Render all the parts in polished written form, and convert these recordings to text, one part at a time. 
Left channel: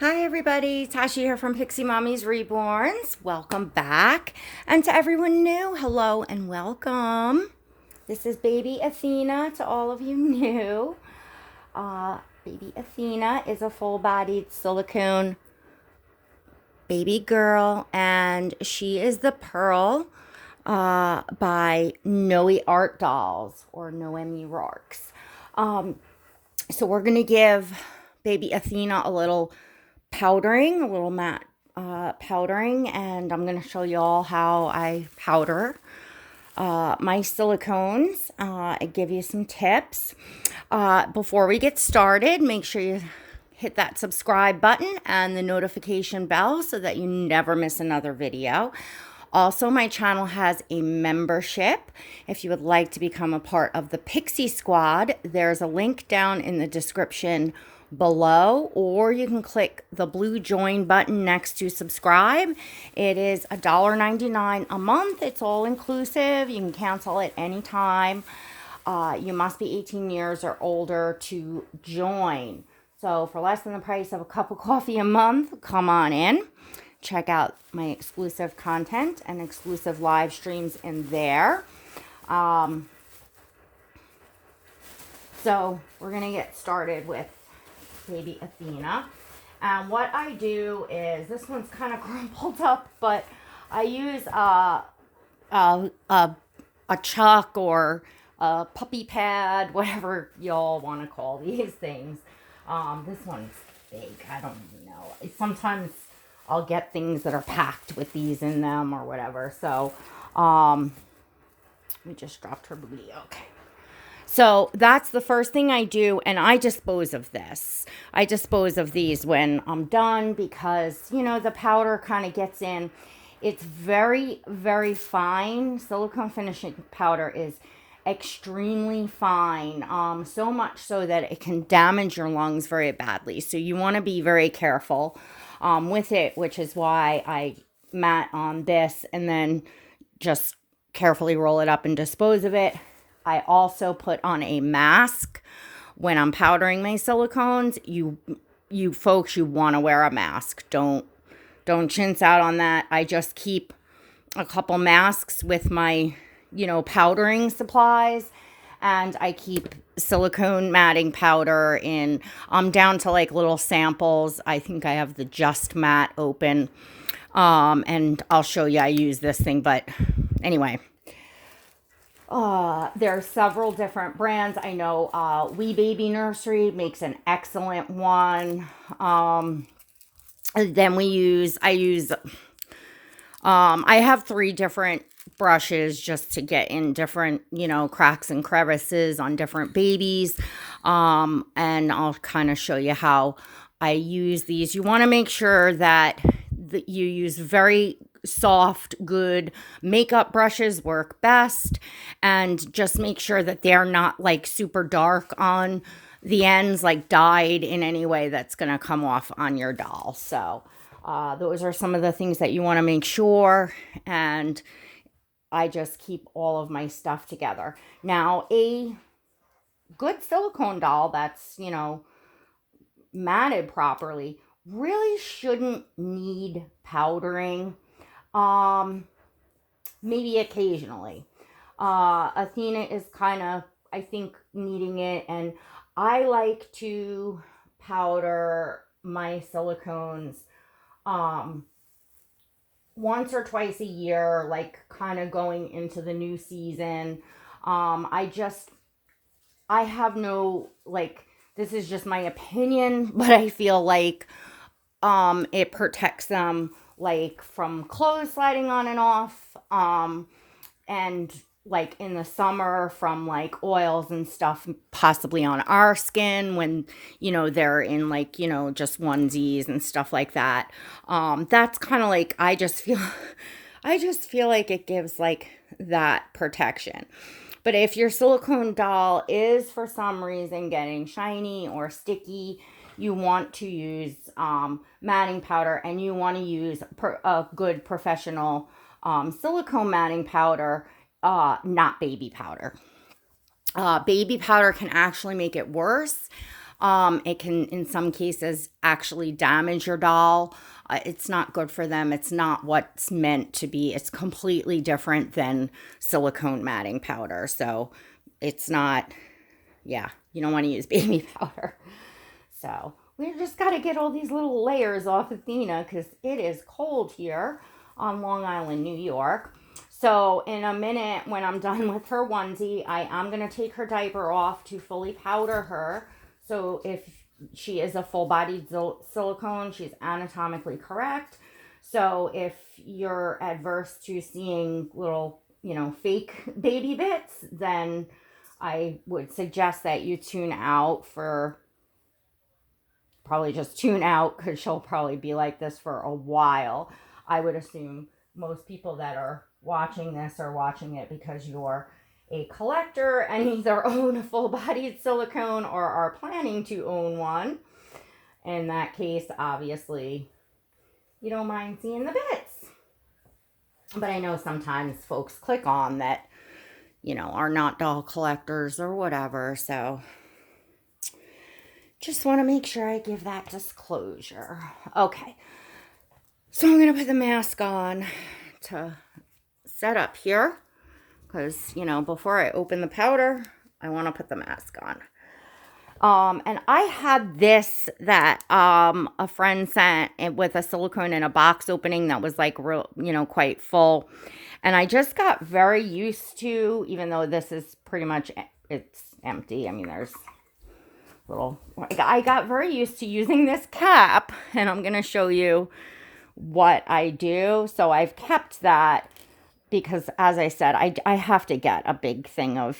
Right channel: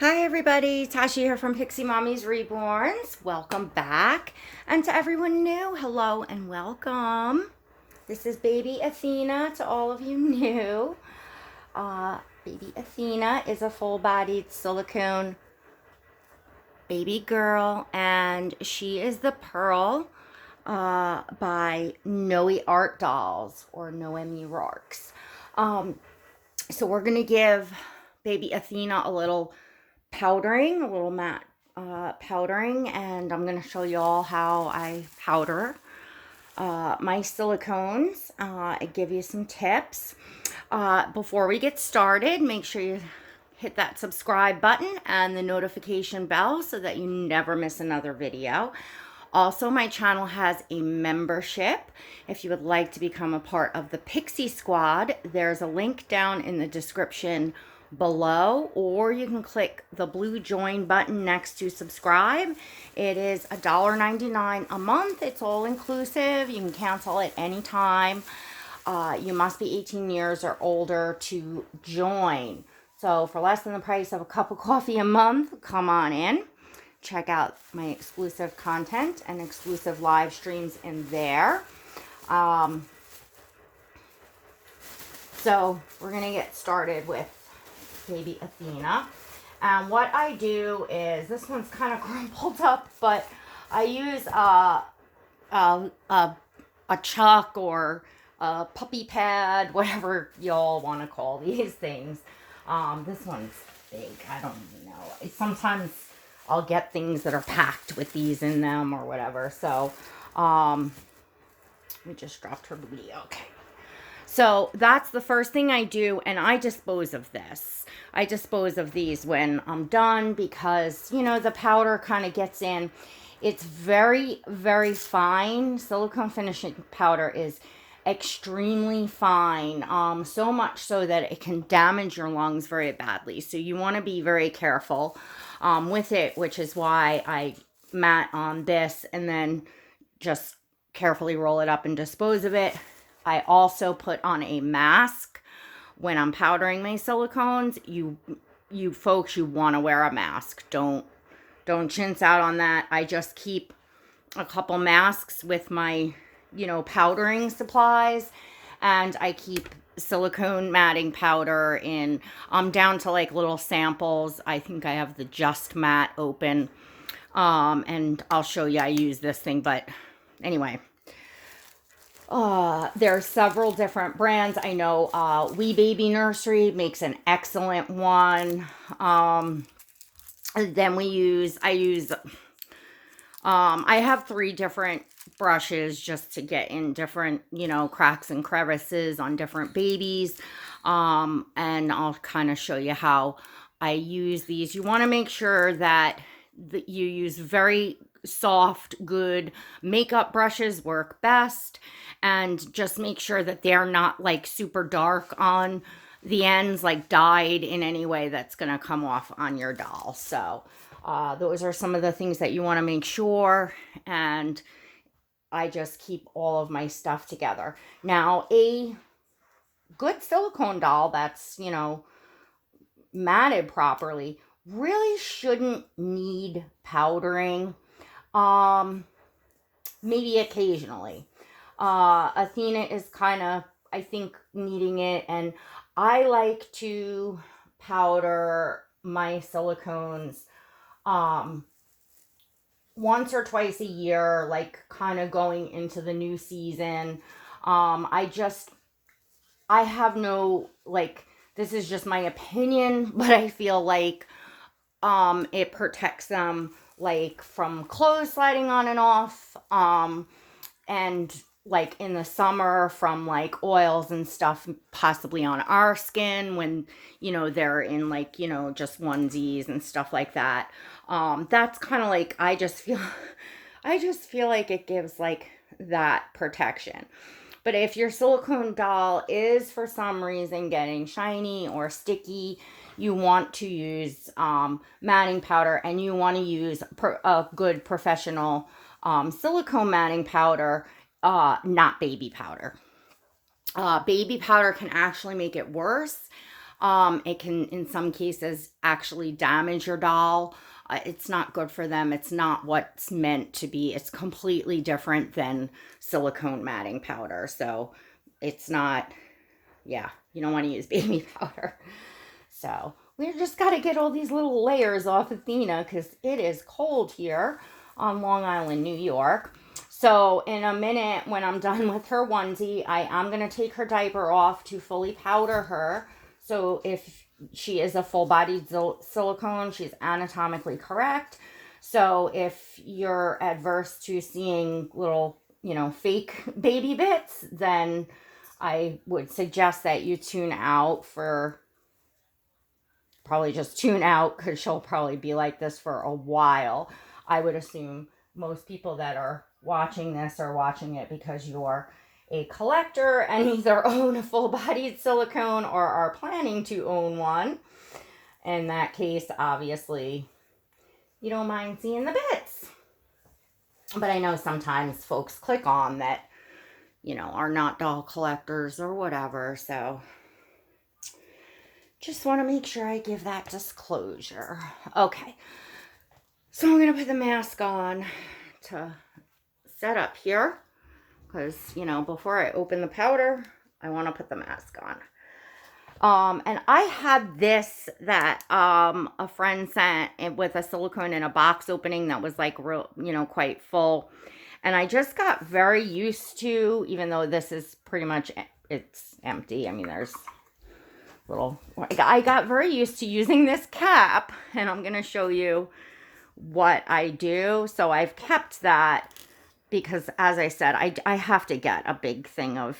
Hi everybody, Tasha here from Pixie Mommy's Reborns. Welcome back. And to everyone new, hello and welcome. This is baby Athena to all of you new. Baby Athena is a full-bodied silicone baby girl, and she is the Pearl by Noe Art Dolls or Noemi Rarks. So we're going to give baby Athena a little powdering, a little matte powdering, and I'm going to show you all how I powder my silicones. I give you some tips. Before we get started, make sure you hit that subscribe button and the notification bell so that you never miss another video. Also, my channel has a membership. If you would like to become a part of the Pixie Squad, there's a link down in the description below, or you can click the blue join button next to subscribe. It is $1.99 a month. It's all inclusive. You can cancel at any time. You must be 18 years or older to join. So for less than the price of a cup of coffee a month, come on in. Check out my exclusive content and exclusive live streams in there. So we're going to get started with baby Athena. And what I do is, this one's kind of crumpled up, but I use a chuck or a puppy pad, whatever y'all want to call these things. This one's big. I don't know. Sometimes I'll get things that are packed with these in them or whatever. So, we just dropped her booty. Okay. So that's the first thing I do, and I dispose of this. I dispose of these when I'm done because, you know, the powder kind of gets in. It's very, very fine. Silicone finishing powder is extremely fine, so much so that it can damage your lungs very badly. So you want to be very careful with it, which is why I mat on this and then just carefully roll it up and dispose of it. I also put on a mask when I'm powdering my silicones. You folks, you want to wear a mask. Don't chintz out on that. I just keep a couple masks with my, powdering supplies, and I keep silicone matting powder in. I'm down to like little samples. I think I have the Just Matte open, and I'll show you. I use this thing, but anyway. There are several different brands. I know Wee Baby Nursery makes an excellent one. Then I have 3 different brushes just to get in different, cracks and crevices on different babies. And I'll kind of show you how I use these. You want to make sure that you use very soft, good makeup brushes work best, and just make sure that they're not like super dark on the ends, like dyed in any way that's going to come off on your doll. So those are some of the things that you want to make sure, and I just keep all of my stuff together. Now, a good silicone doll that's, matted properly really shouldn't need powdering. Maybe occasionally. Athena is kind of, I think, needing it, and I like to powder my silicones once or twice a year, like kind of going into the new season. I have no, like, this is just my opinion, but I feel like it protects them like from clothes sliding on and off, and like in the summer from like oils and stuff possibly on our skin when they're in like just onesies and stuff like that. That's kind of like, I just feel like it gives like that protection. But if your silicone doll is for some reason getting shiny or sticky, you want to use matting powder, and you want to use a good professional silicone matting powder, not baby powder. Baby powder can actually make it worse. It can, in some cases, actually damage your doll. It's not good for them. It's not what's meant to be. It's completely different than silicone matting powder. So it's not, yeah, you don't want to use baby powder. So we just got to get all these little layers off Athena because it is cold here on Long Island, New York. So in a minute, when I'm done with her onesie, I am going to take her diaper off to fully powder her. So if she is a full-bodied silicone, she's anatomically correct. So if you're adverse to seeing little, fake baby bits, then I would suggest that you probably just tune out because she'll probably be like this for a while. I would assume most people that are watching this are watching it because you're a collector and either own a full-bodied silicone or are planning to own one. In that case, obviously, you don't mind seeing the bits. But I know sometimes folks click on that, are not doll collectors or whatever. So just want to make sure I give that disclosure. Okay. So I'm going to put the mask on to set up here. Because, before I open the powder, I want to put the mask on. And I had this that a friend sent with a silicone in a box opening that was like real, quite full. And I just got very used to, even though this is pretty much, it's empty. I mean, there's I got very used to using this cap. And I'm going to show you what I do. So I've kept that. Because, as I said, I have to get a big thing of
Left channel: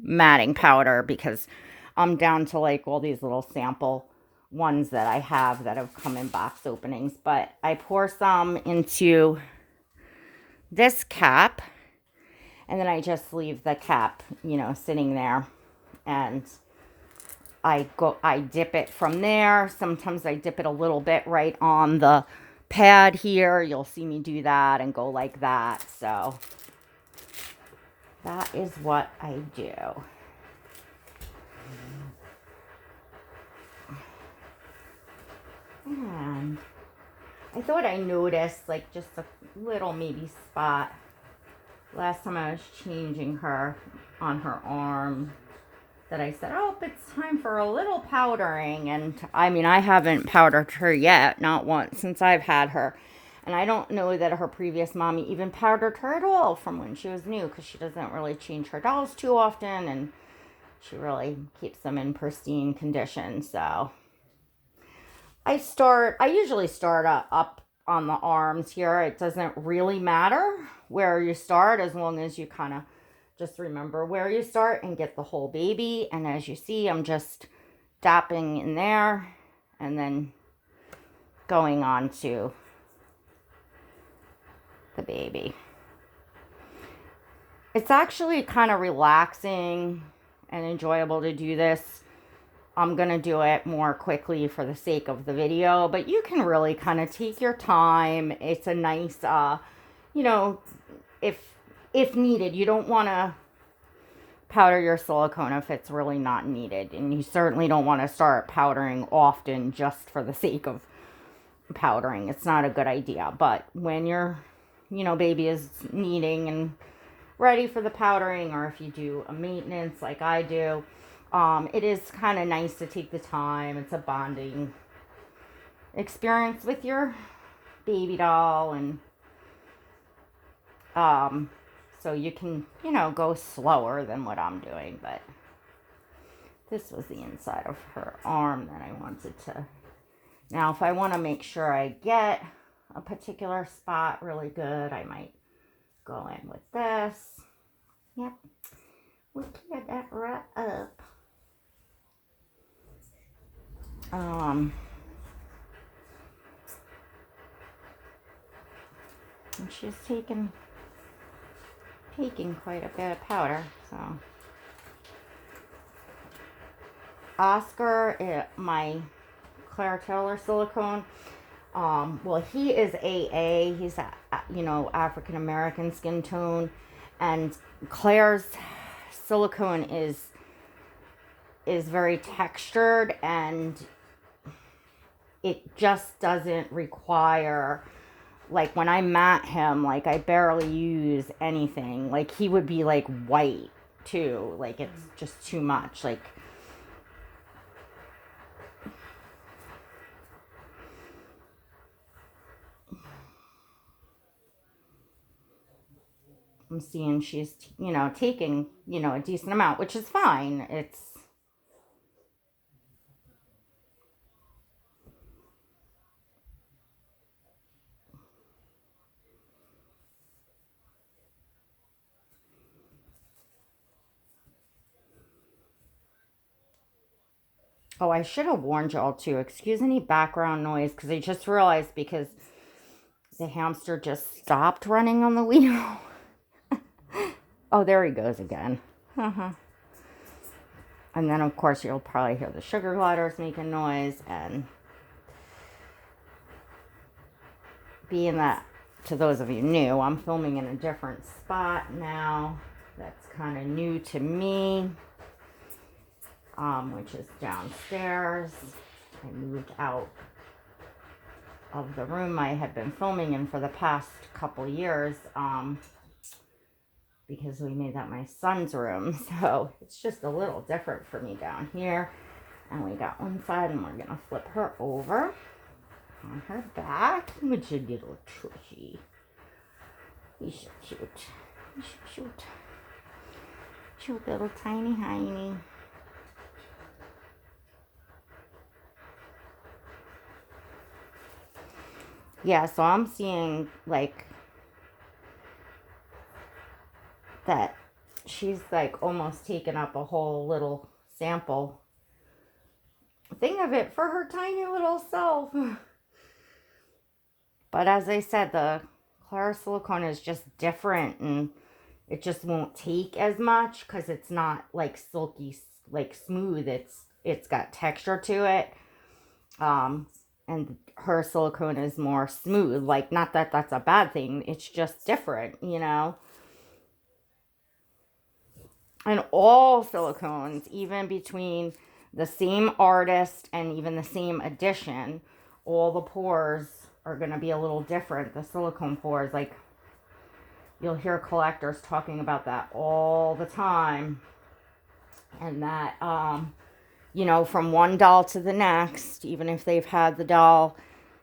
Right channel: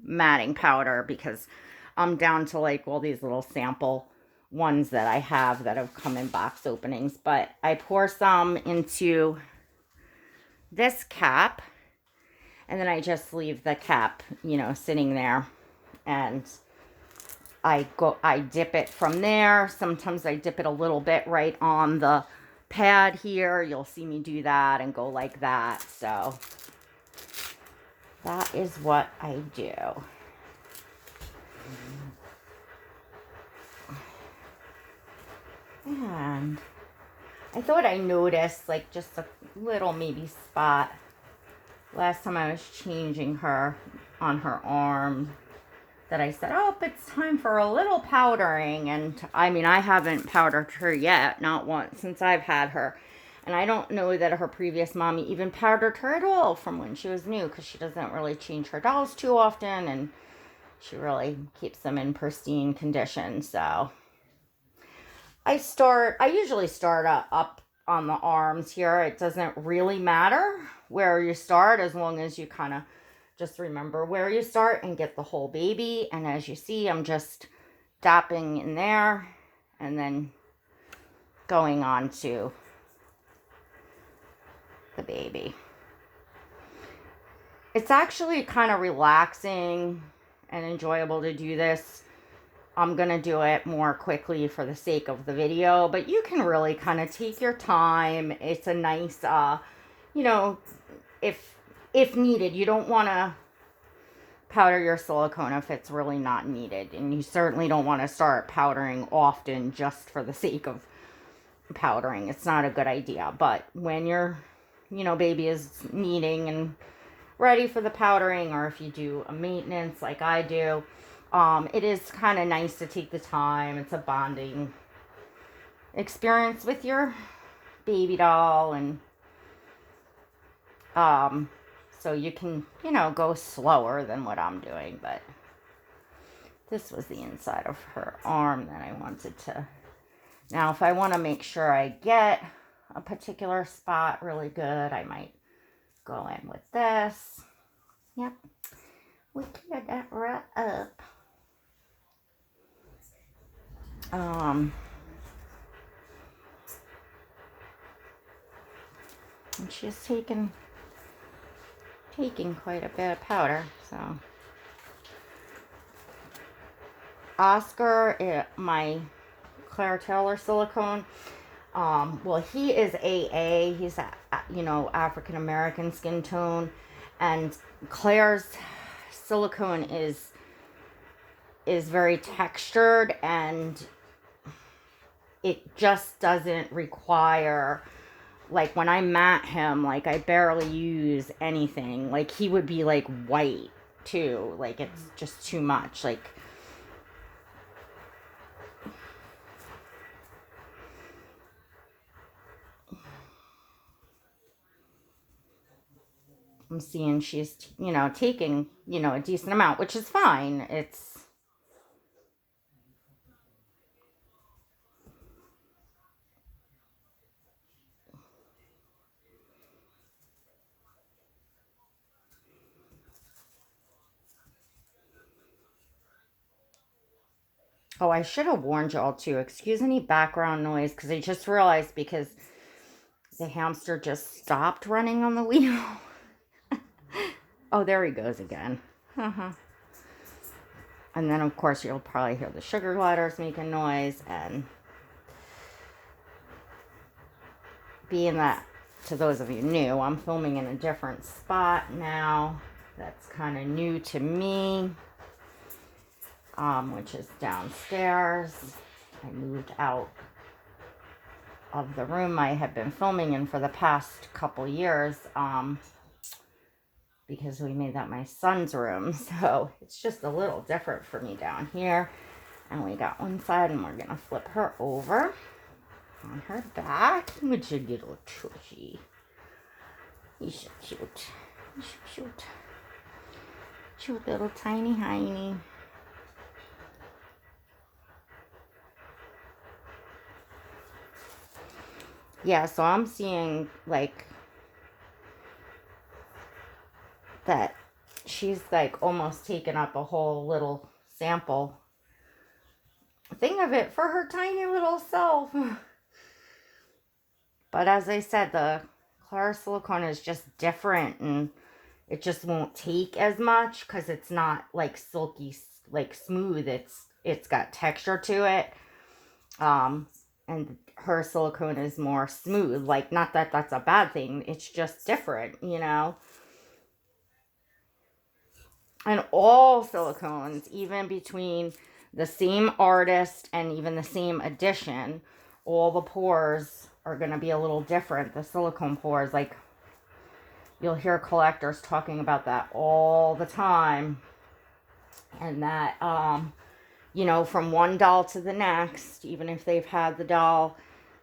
matting powder because I'm down to like all these little sample ones that I have that have come in box openings. But I pour some into this cap and then I just leave the cap, sitting there. And I dip it from there. Sometimes I dip it a little bit right on the pad here. You'll see me do that and go like that. So that is what I do. And I thought I noticed like just a little maybe spot last time I was changing her on her arm that I said, oh, it's time for a little powdering. And I mean, I haven't powdered her yet, not once since I've had her. And I don't know that her previous mommy even powdered her at all from when she was new because she doesn't really change her dolls too often and she really keeps them in pristine condition. So I usually start up on the arms here. It doesn't really matter where you start as long as you kind of just remember where you start and get the whole baby. And as you see, I'm just dapping in there and then going on to the baby. It's actually kind of relaxing and enjoyable to do this. I'm going to do it more quickly for the sake of the video, but you can really kind of take your time. It's a nice, if needed, you don't want to powder your silicone if it's really not needed. And you certainly don't want to start powdering often just for the sake of powdering. It's not a good idea. But when your, baby is needing and ready for the powdering, or if you do a maintenance like I do, it is kind of nice to take the time. It's a bonding experience with your baby doll. And so you can, go slower than what I'm doing. But this was the inside of her arm that I wanted to. Now, if I want to make sure I get a particular spot really good, I might go in with this. Yep. We cleared that right up. And she's taking quite a bit of powder, so. Oscar, my Claire Taylor silicone, well, he is AA, he's, African American skin tone, and Claire's silicone is is very textured, and it just doesn't require, like when I mat him, like I barely use anything. Like he would be like white too. Like it's just too much. Like I'm seeing she's, taking, a decent amount, which is fine. Oh, I should have warned y'all too. Excuse any background noise, because I just realized, because the hamster just stopped running on the wheel. Oh, there he goes again. And then, of course, you'll probably hear the sugar gliders making noise. And being that, to those of you new, I'm filming in a different spot now. That's kind of new to me, which is downstairs. I moved out of the room I had been filming in for the past couple years, because we made that my son's room. So it's just a little different for me down here. And we got one side, and we're gonna flip her over on her back. Would you little tushy? He's so cute. He's so cute. Cute little tiny hiney. Yeah, so I'm seeing like that she's like almost taken up a whole little sample thing of it for her tiny little self. But as I said, the Clara silicone is just different, and it just won't take as much because it's not like silky, like smooth. It's got texture to it. And her silicone is more smooth. Like, not that that's a bad thing. It's just different, And all silicones, even between the same artist and even the same edition, all the pores are going to be a little different. The silicone pores, like, you'll hear collectors talking about that all the time. And that, from one doll to the next, even if they've had the doll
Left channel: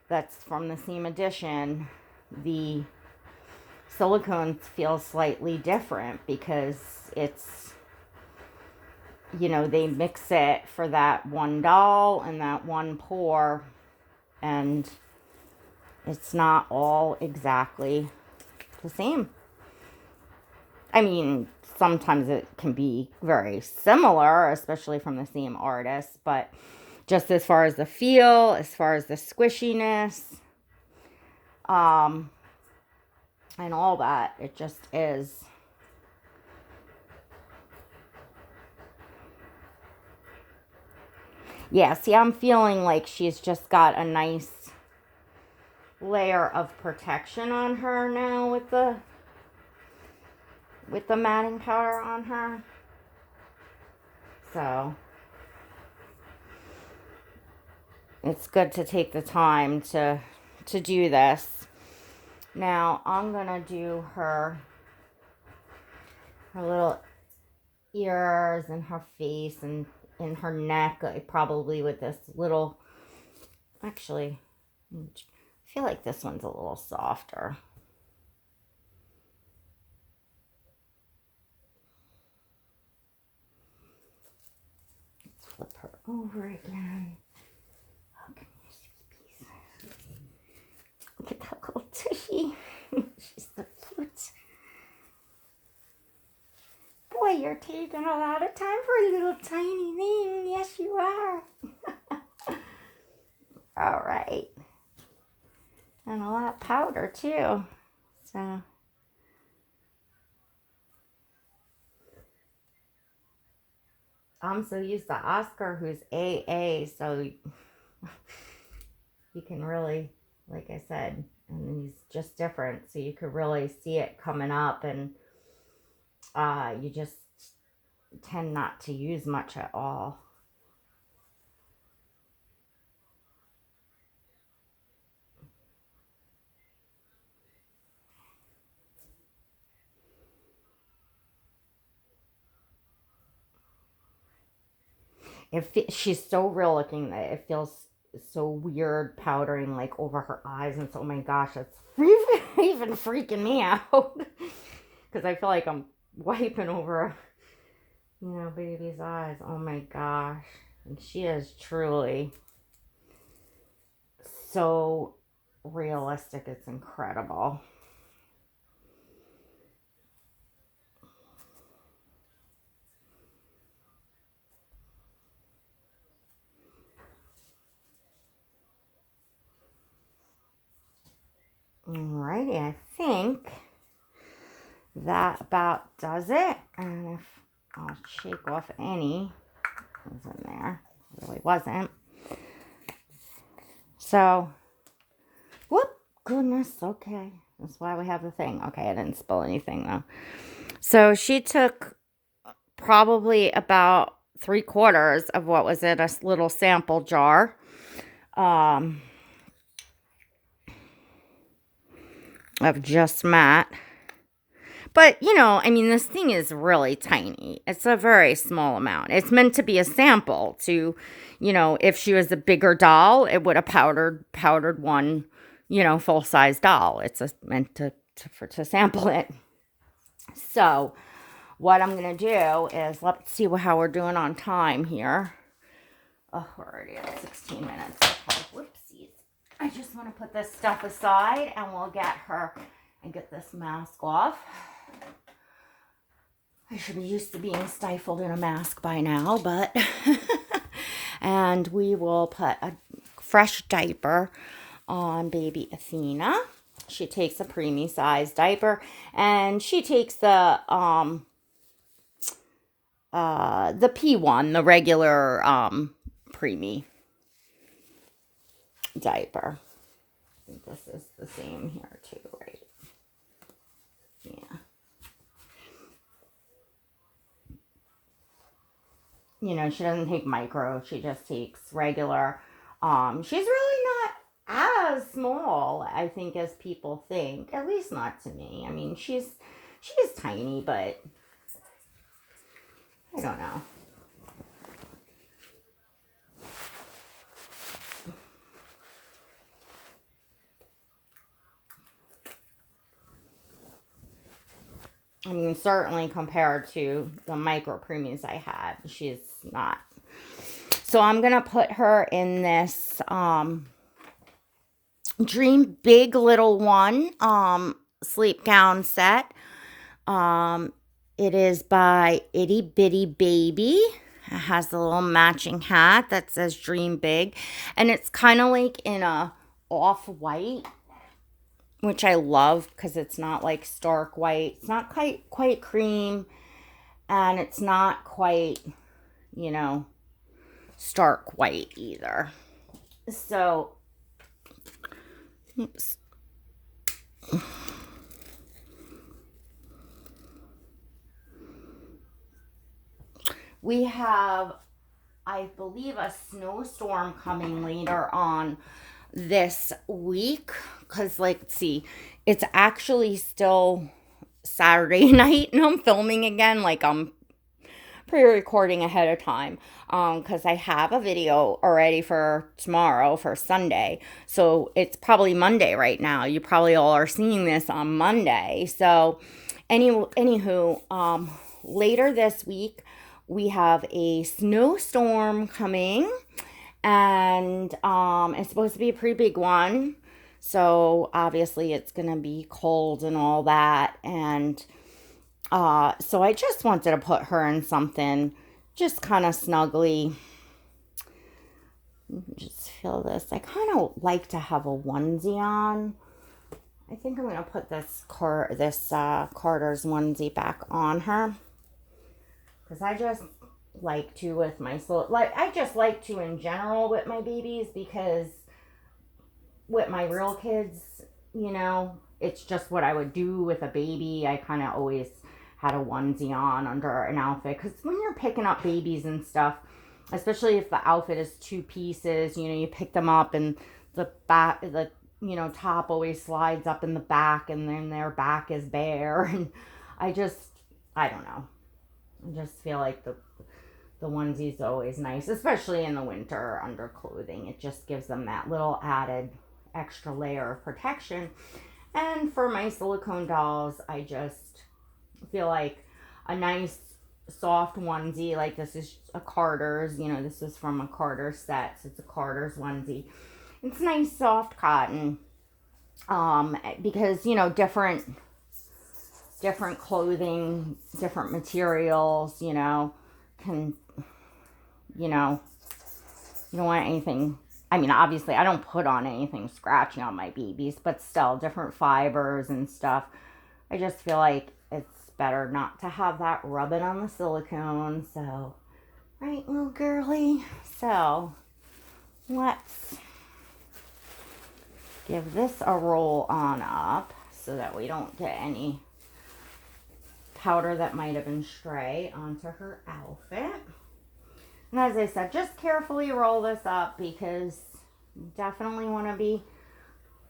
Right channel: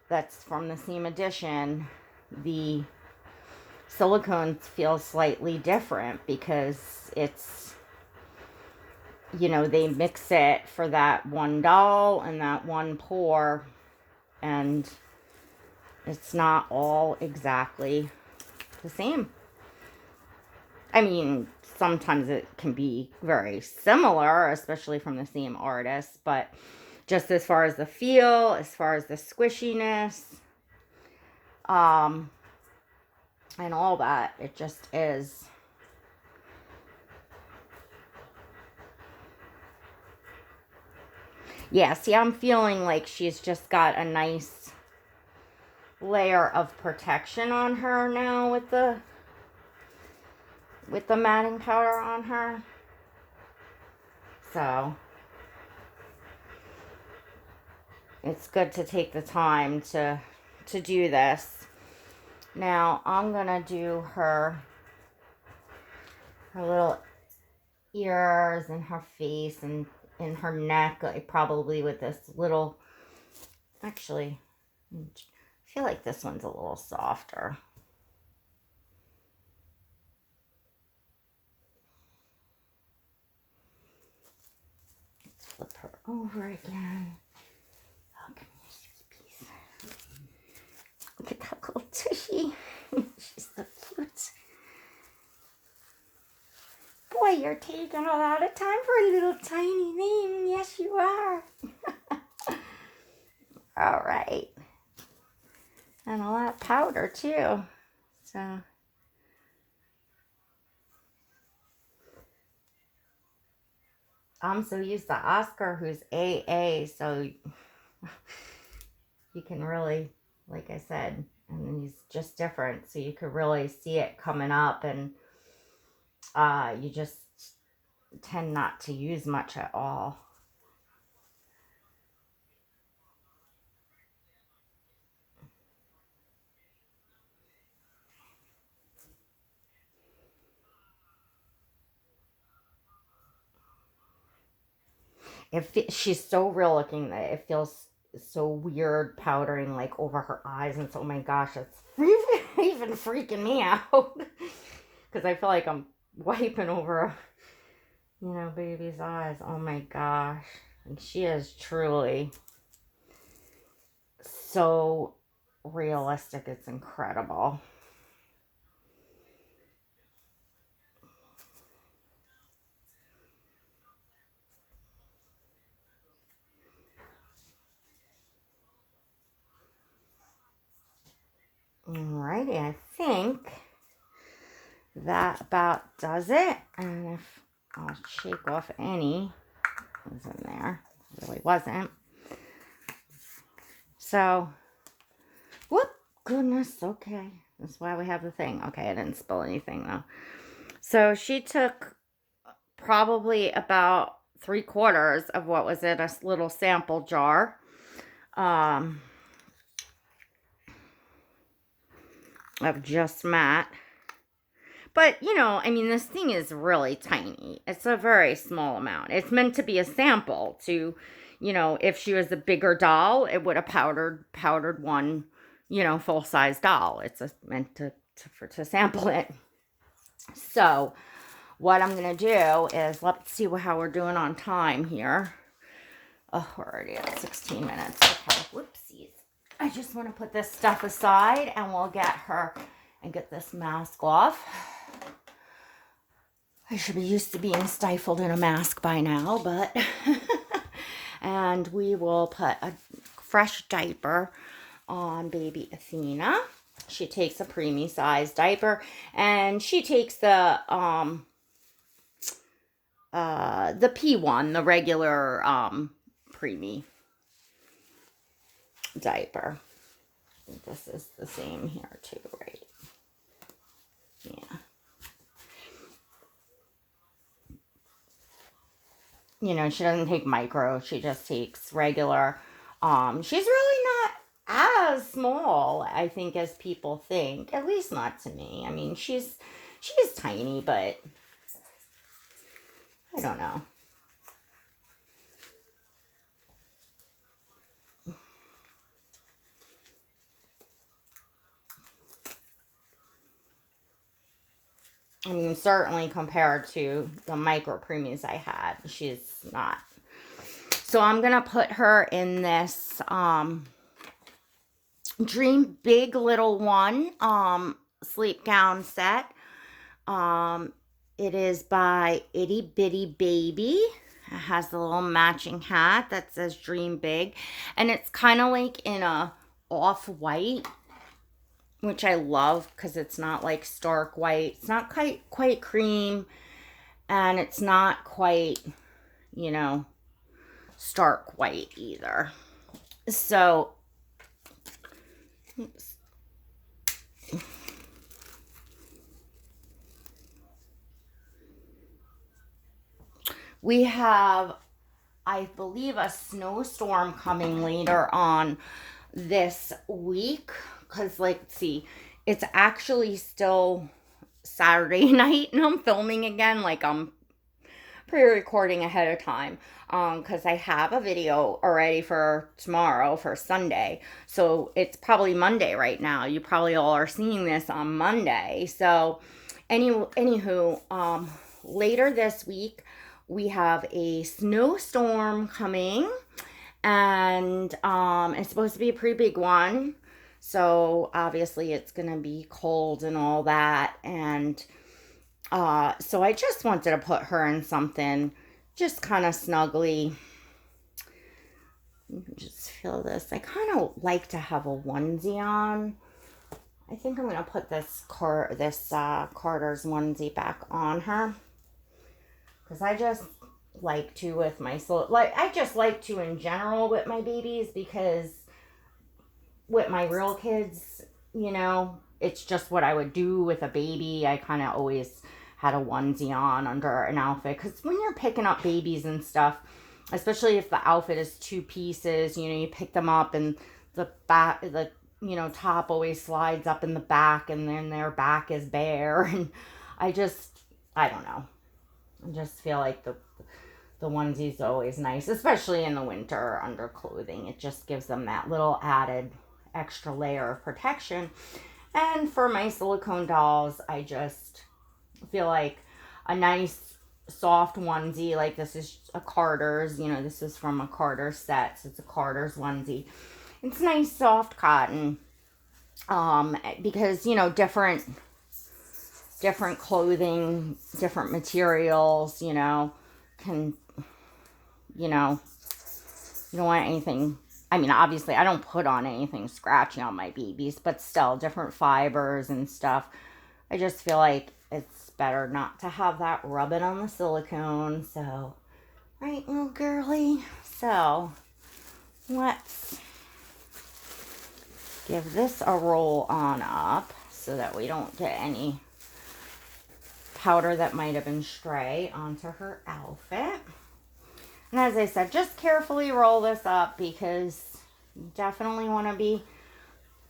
that's from the same edition, the silicones feel slightly different because it's, they mix it for that one doll and that one pour, and it's not all exactly the same. I mean, sometimes it can be very similar, especially from the same artist, but just as far as the feel, as far as the squishiness, and all that, it just is. Yeah, see, I'm feeling like she's just got a nice layer of protection on her now with the matting powder on her. So it's good to take the time to do this. Now I'm gonna do her little ears and her face and in her neck, like probably with this little, actually, I feel like this one's a little softer. Let's flip her over again. Oh, can you use this piece? Look at that little tushy. She's so cute. Boy, you're taking a lot of time for a little tiny thing. Yes, you are. All right. And a lot of powder, too. So I'm so used to Oscar, who's AA, so you can really, like I said, and he's just different, so you could really see it coming up, and you just tend not to use much at all. she's so real looking that it feels so weird powdering like over her eyes, and so, oh my gosh, it's even freaking me out because I feel like I'm wiping over, baby's eyes. Oh my gosh. And she is truly so realistic. It's incredible. Alrighty, I think that about does it. And if I'll shake off any was in there, it really wasn't. So, whoop, goodness, okay. That's why we have the thing. Okay, I didn't spill anything though. So she took probably about 3/4 of what was in a little sample jar. Of just matte. But, I mean, this thing is really tiny. It's a very small amount. It's meant to be a sample to, if she was a bigger doll, it would have powdered one, full-size doll. It's meant to sample it. So, what I'm going to do is, let's see how we're doing on time here. Oh, we're already at 16 minutes. Okay, whoopsies. I just want to put this stuff aside and we'll get her and get this mask off. I should be used to being stifled in a mask by now, but and we will put a fresh diaper on baby Athena. She takes a preemie size diaper, and she takes the P1, the regular preemie diaper. I think this is the same here too, right? Yeah. She doesn't take micro. She just takes regular. She's really not as small, I think, as people think. At least not to me. I mean, she's tiny, but I don't know. I mean, certainly compared to the micro preemies I had, she's not. So I'm going to put her in this Dream Big Little One sleep gown set. It is by Itty Bitty Baby. It has the little matching hat that says Dream Big. And it's kind of like in a off-white, which I love because it's not like stark white. It's not quite cream, and it's not quite, stark white either. So, oops. We have, I believe, a snowstorm coming later on this week. Because, let's see, it's actually still Saturday night and I'm filming again. Like, I'm pre-recording ahead of time. Because I have a video already for tomorrow, for Sunday. So, it's probably Monday right now. You probably all are seeing this on Monday. So, anywho, later this week, we have a snowstorm coming. And it's supposed to be a pretty big one. So obviously it's going to be cold and all that. And so I just wanted to put her in something just kind of snugly. Just feel this. I kind of like to have a onesie on. I think I'm going to put this Carter's onesie back on her. Because I just like to with my I just like to in general with my babies, because with my real kids, it's just what I would do with a baby. I kind of always had a onesie on under an outfit, because when you're picking up babies and stuff, especially if the outfit is 2 pieces, you pick them up and the back, the top always slides up in the back, and then their back is bare, and I don't know. I just feel like the the onesie's always nice, especially in the winter under clothing. It just gives them that little added extra layer of protection. And for my silicone dolls, I just feel like a nice soft onesie, like this is a Carter's, this is from a Carter's set, so it's a Carter's onesie. It's nice soft cotton, because different clothing, different materials, can, you don't want anything. I mean, obviously I don't put on anything scratchy on my babies, but still different fibers and stuff. I just feel like it's better not to have that rubbing on the silicone. So, right, little girly. So, let's give this a roll on up so that we don't get any powder that might have been stray onto her outfit. And as I said, just carefully roll this up because you definitely want to be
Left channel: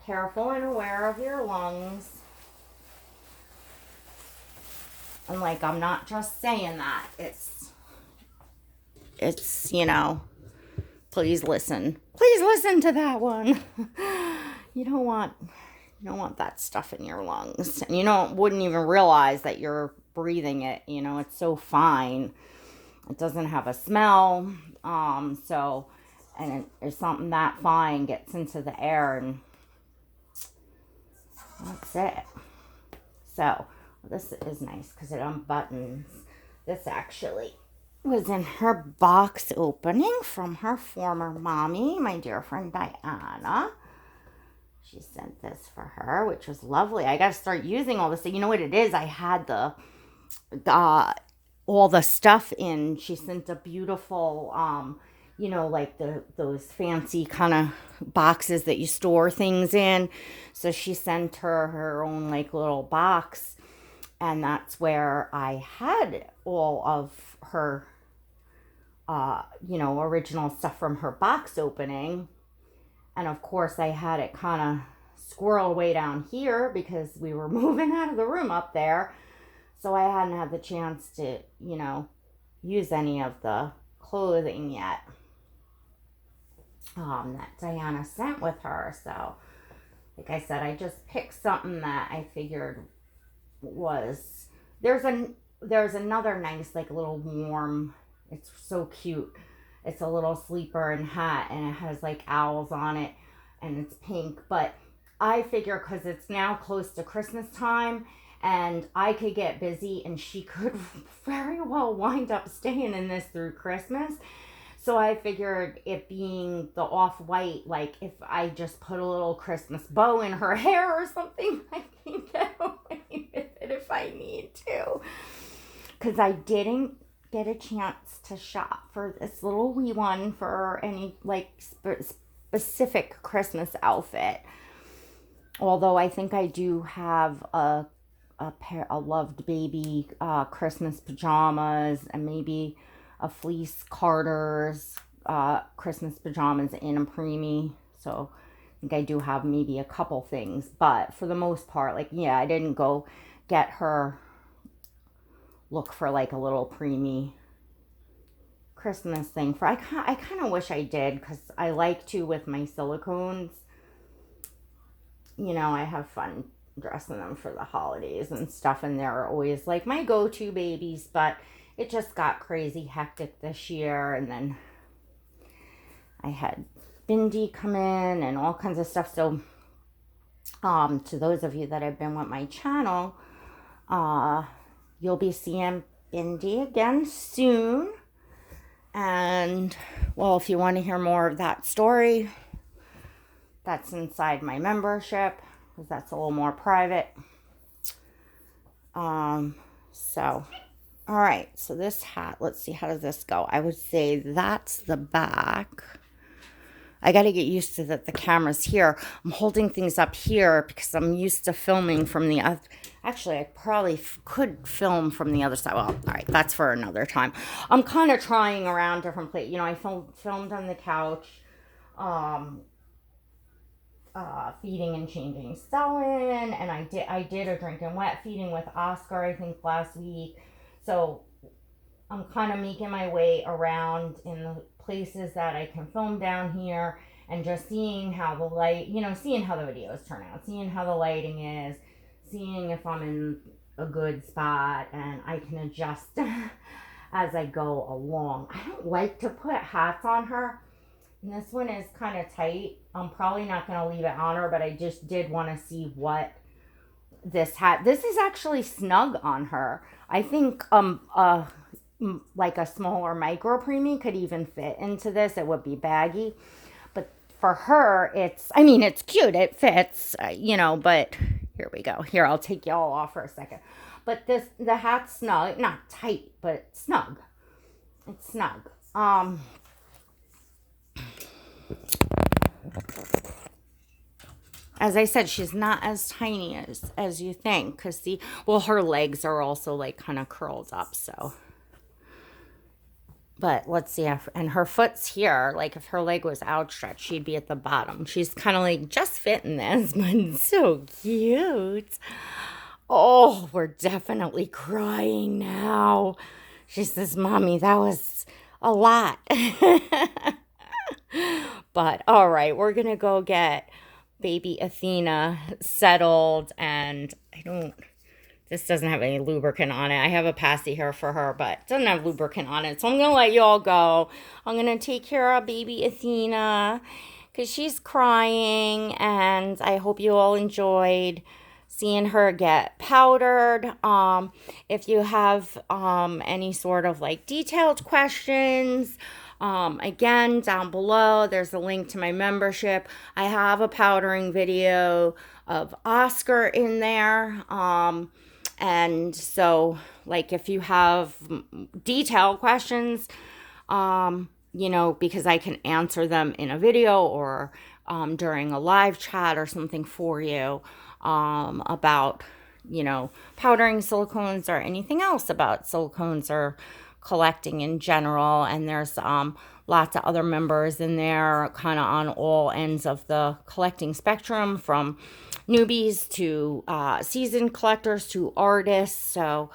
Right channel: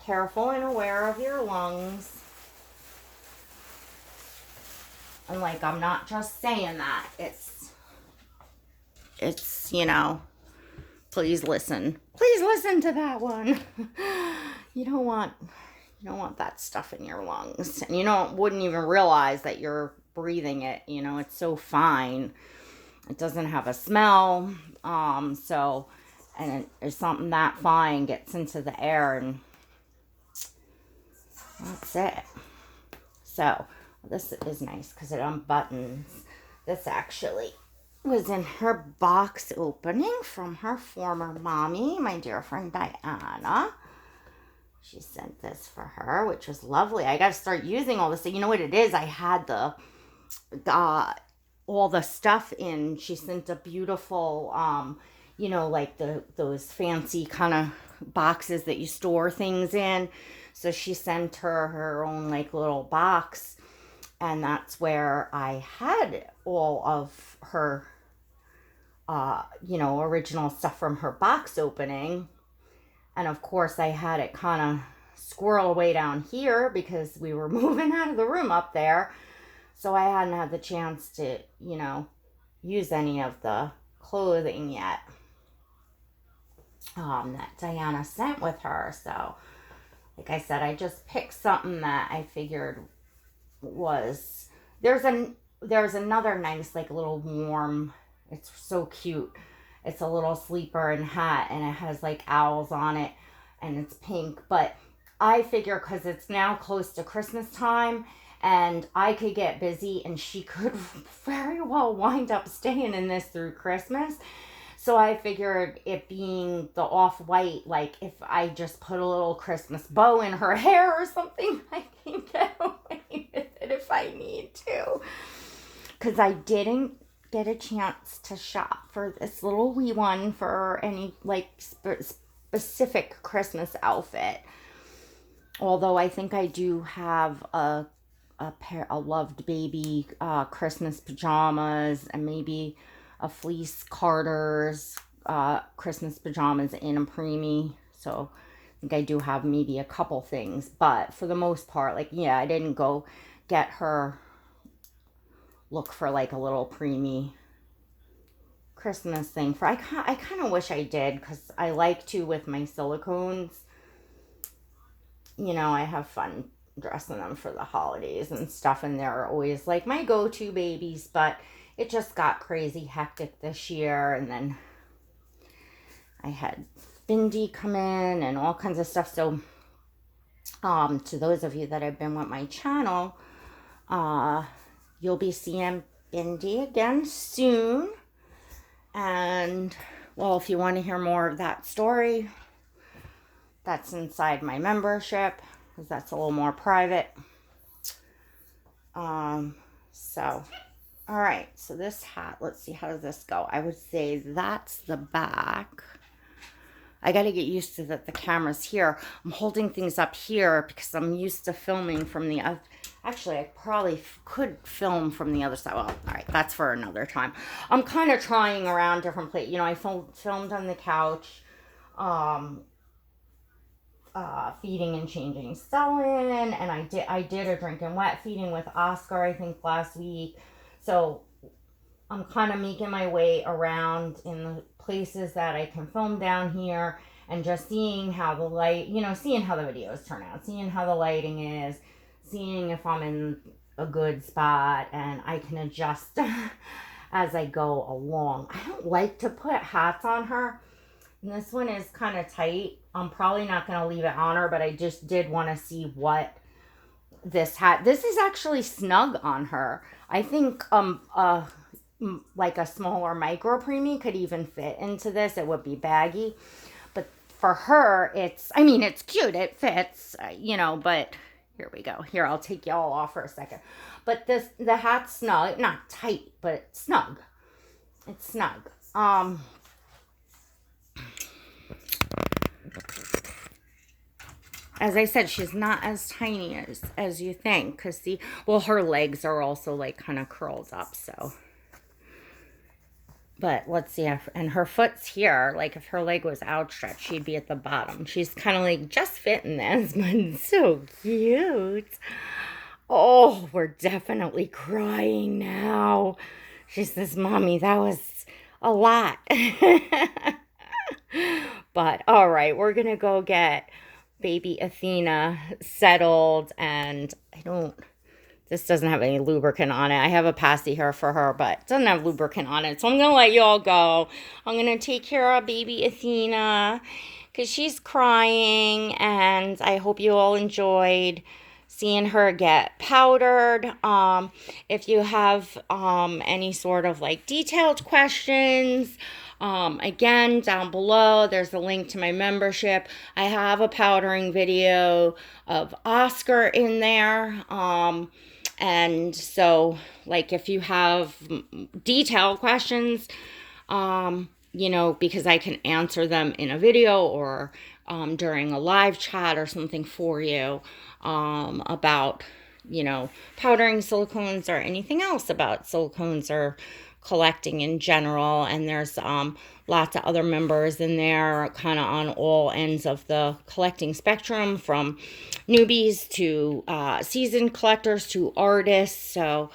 careful and aware of your lungs. And like, I'm not just saying that. It's please listen. Please listen to that one. You don't want that stuff in your lungs. And wouldn't even realize that you're breathing it. It's so fine. It doesn't have a smell. And it's something that fine gets into the air, and that's it. So, this is nice because it unbuttons. This actually was in her box opening from her former mommy, my dear friend Diana. She sent this for her, which was lovely. I got to start using all this. You know what it is? I had all the stuff in. She sent a beautiful, like those fancy kind of boxes that you store things in. So she sent her own like little box. And that's where I had all of her, original stuff from her box opening. And of course, I had it kind of squirrel away down here because we were moving out of the room up there. So I hadn't had the chance to, use any of the clothing yet that Diana sent with her. So, like I said, I just picked something that I figured was, there's another nice, like, little warm, it's so cute. It's a little sleeper and hat, and it has like owls on it, and it's pink. But I figure because it's now close to Christmas time, and I could get busy, and she could very well wind up staying in this through Christmas. So I figured it being the off-white, like if I just put a little Christmas bow in her hair or something, I can get away with it if I need to. Because I didn't get a chance to shop for this little wee one for any like specific Christmas outfit. Although I think I do have a loved baby Christmas pajamas, and maybe a fleece Carter's Christmas pajamas in a preemie. So I think I do have maybe a couple things, but for the most part, like, yeah, I didn't go get her look for like a little preemie Christmas thing for. I kind of wish I did, because I like to with my silicones. I have fun dressing them for the holidays and stuff, and they're always like my go-to babies, but it just got crazy hectic this year, and then I had Bindi come in and all kinds of stuff. So to those of you that have been with my channel, you'll be seeing Bindi again soon. And, well, if you want to hear more of that story, that's inside my membership, because that's a little more private. So, all right. So this hat, let's see, how does this go? I would say that's the back. I got to get used to that the camera's here. I'm holding things up here because I'm used to filming from the other. Actually, I probably could film from the other side. Well, all right, that's for another time. I'm kind of trying around different places. I filmed on the couch, feeding and changing Stellan, and I did a drink and wet feeding with Oscar, I think, last week. So I'm kind of making my way around in the places that I can film down here and just seeing how the light, seeing how the videos turn out, seeing how the lighting is, seeing if I'm in a good spot, and I can adjust as I go along. I don't like to put hats on her. And this one is kind of tight. I'm probably not going to leave it on her, but I just did want to see what this hat. This is actually snug on her. I think like a smaller micro preemie could even fit into this. It would be baggy. But for her, it's cute. It fits, but here we go. Here, I'll take y'all off for a second. But the hat's snug. Not tight, but it's snug. It's snug. As I said, she's not as tiny as you think. Because her legs are also like kind of curled up, so. But let's see, and her foot's here. Like if her leg was outstretched, she'd be at the bottom. She's kind of like just fitting this, but it's so cute. Oh, we're definitely crying now. She says, Mommy, that was a lot. But all right, we're going to go get baby Athena settled. And this doesn't have any lubricant on it. I have a passy here for her, but it doesn't have lubricant on it. So I'm going to let y'all go. I'm going to take care of baby Athena because she's crying. And I hope you all enjoyed seeing her get powdered. If you have any sort of like detailed questions, again, down below, there's a link to my membership. I have a powdering video of Oscar in there. And so, like, if you have detailed questions, because I can answer them in a video or during a live chat or something for you about, powdering silicones or anything else about silicones or collecting in general. And there's lots of other members in there kind of on all ends of the collecting spectrum, from newbies to seasoned collectors to artists. So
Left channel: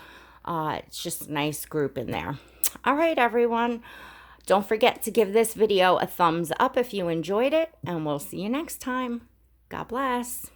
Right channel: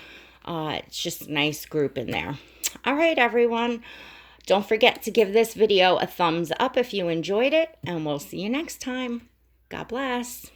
it's just a nice group in there. All right, everyone. Don't forget to give this video a thumbs up if you enjoyed it, and we'll see you next time. God bless.